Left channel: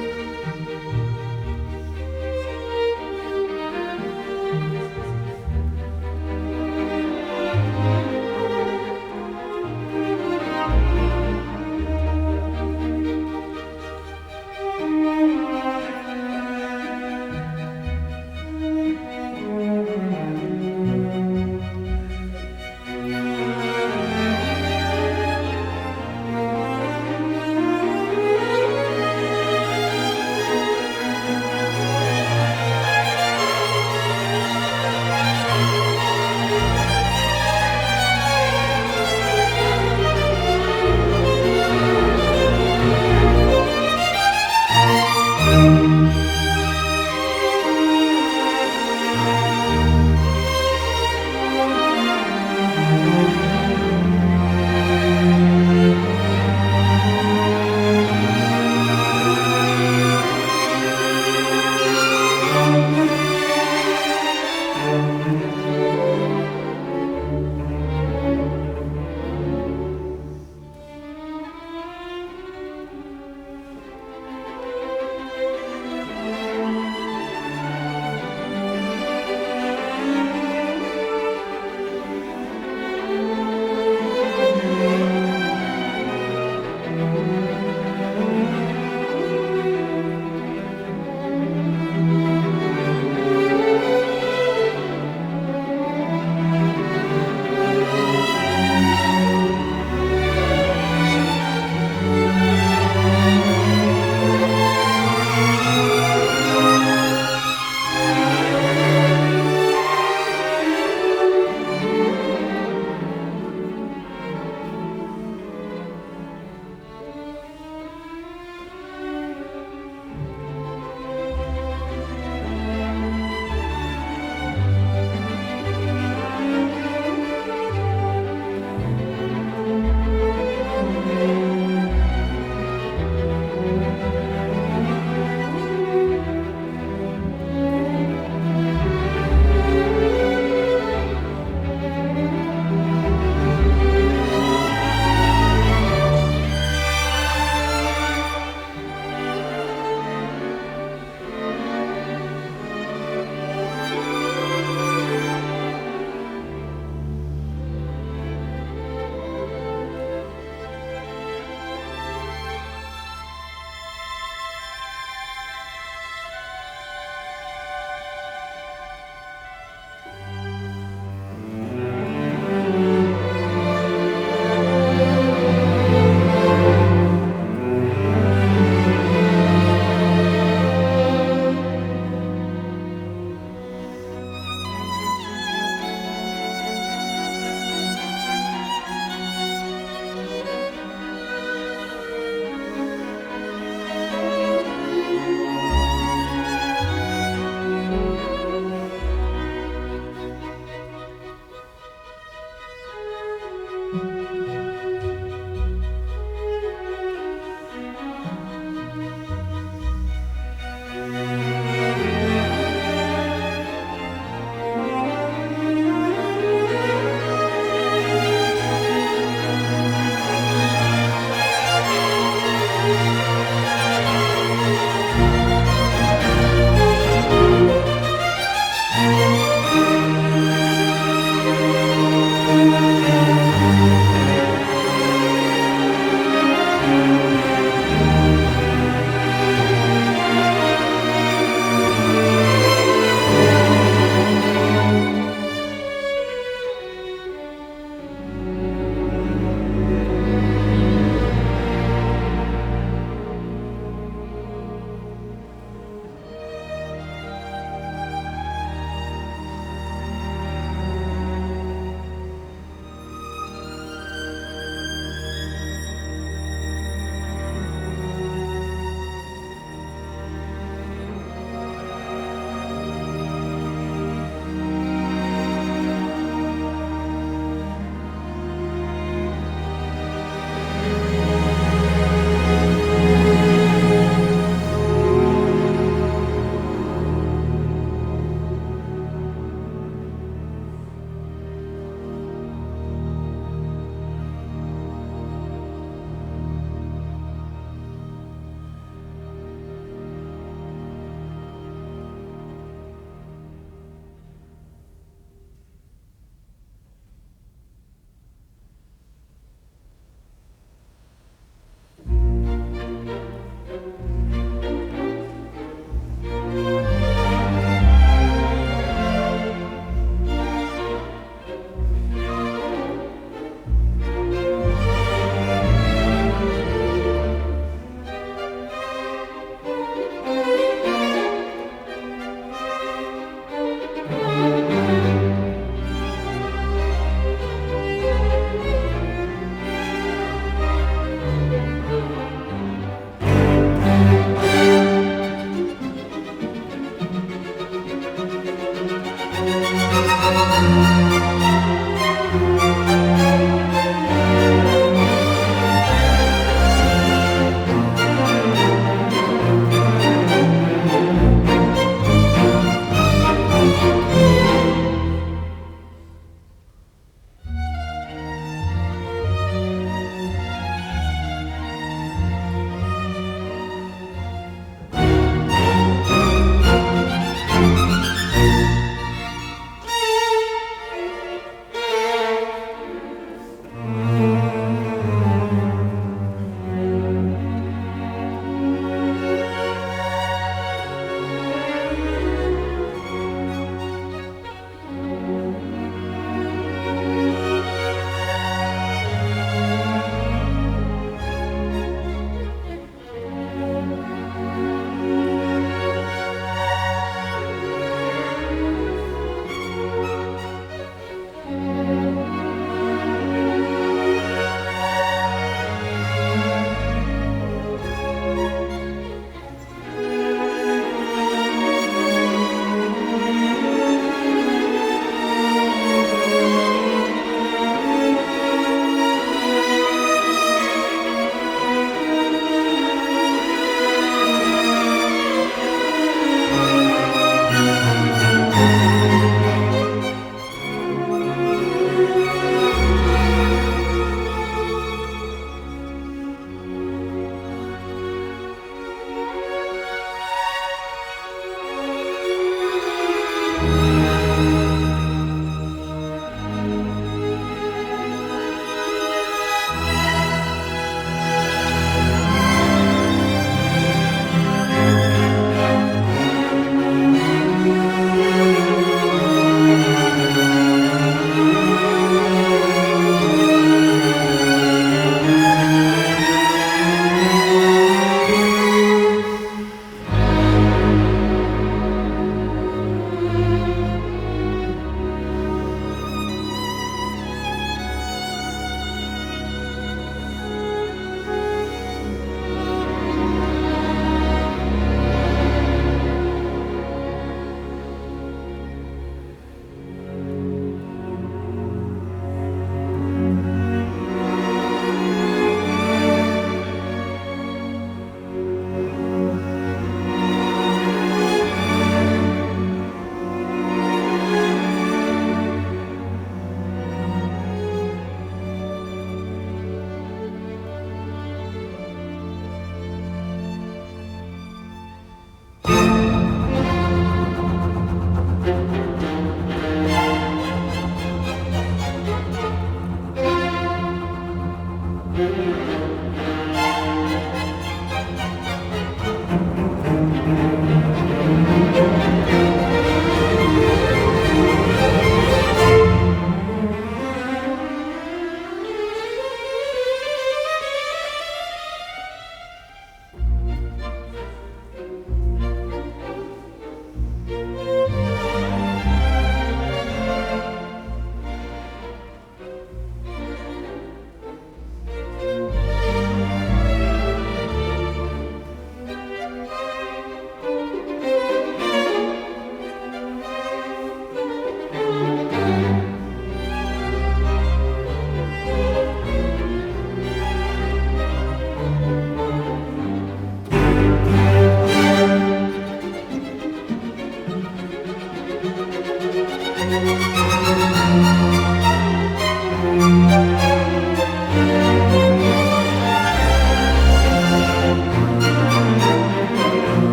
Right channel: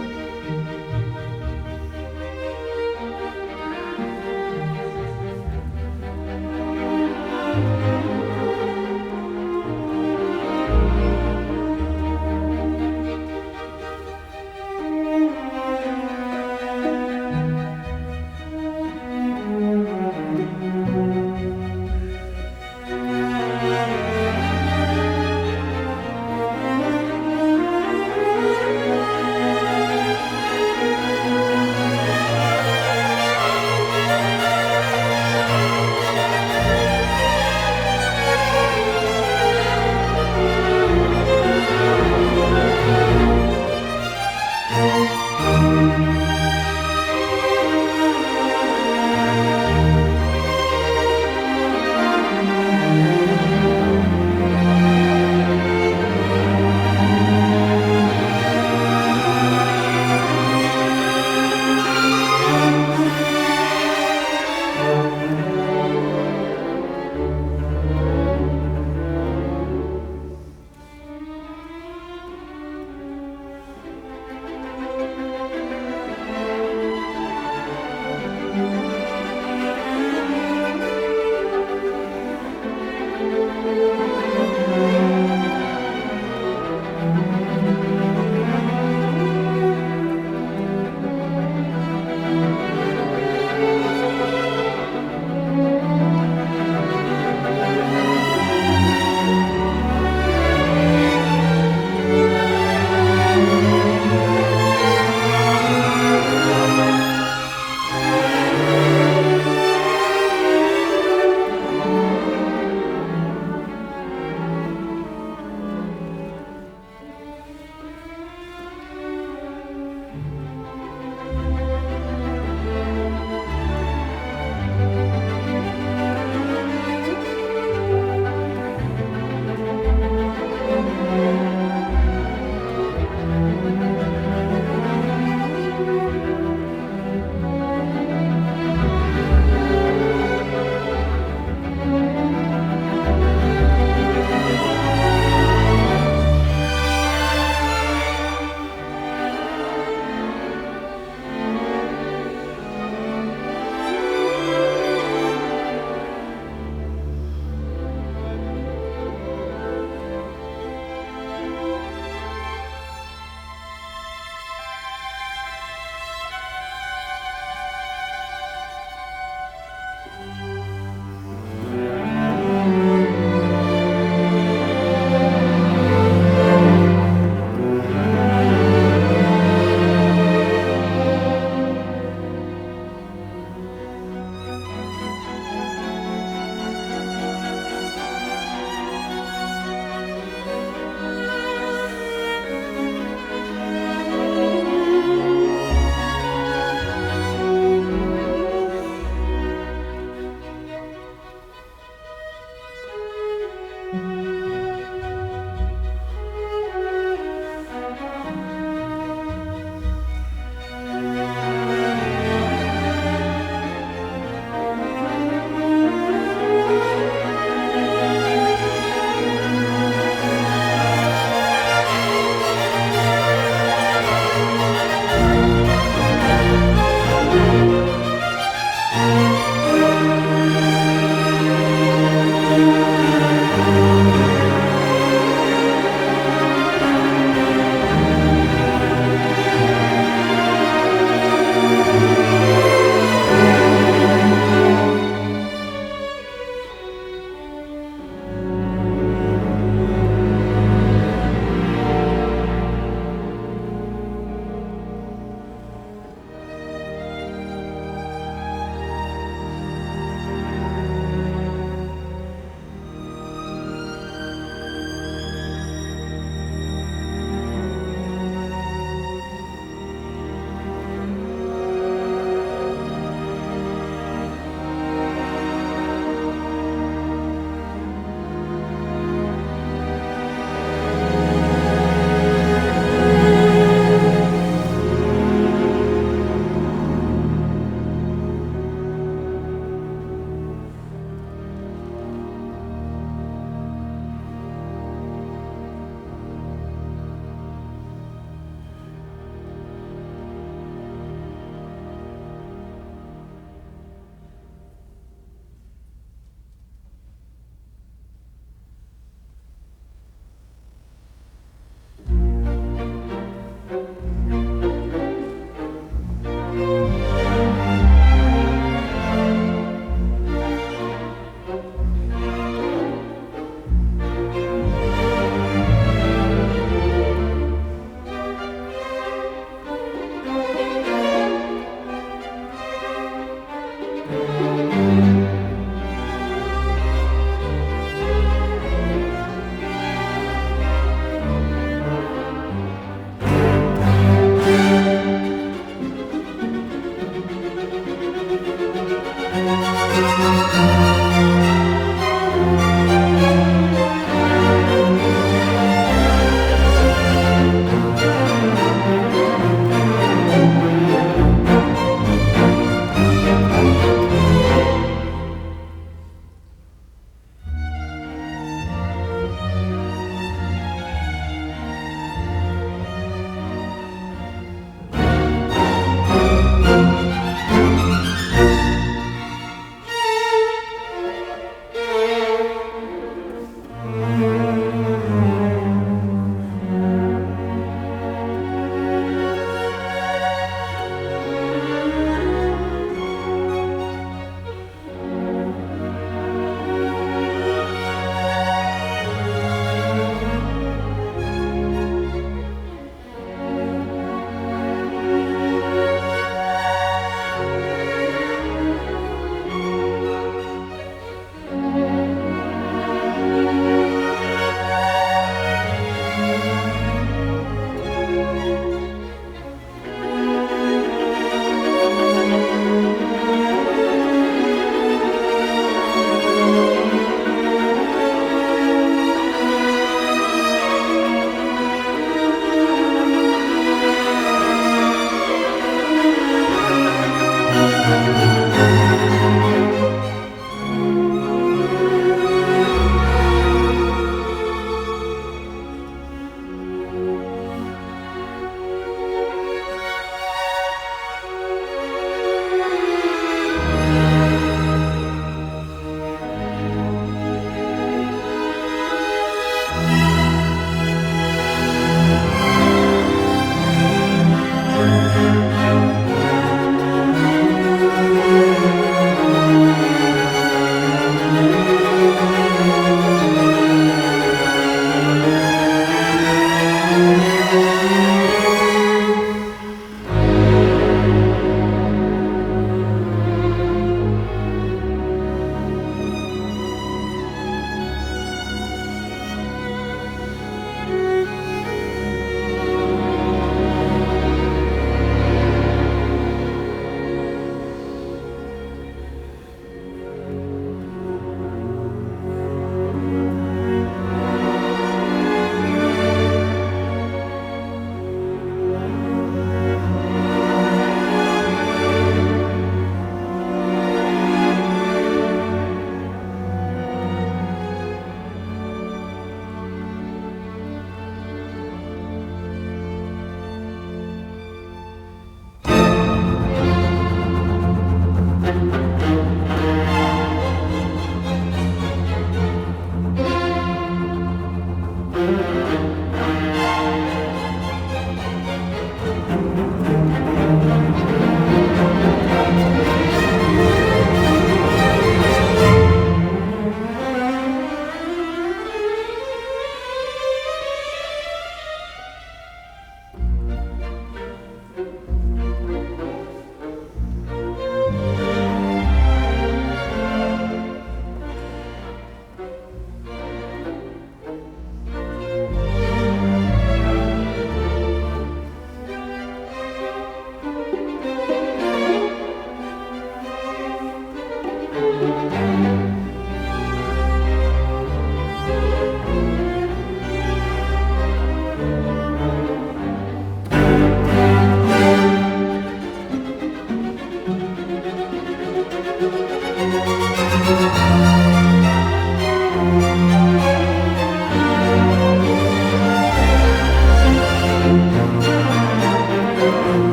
thank you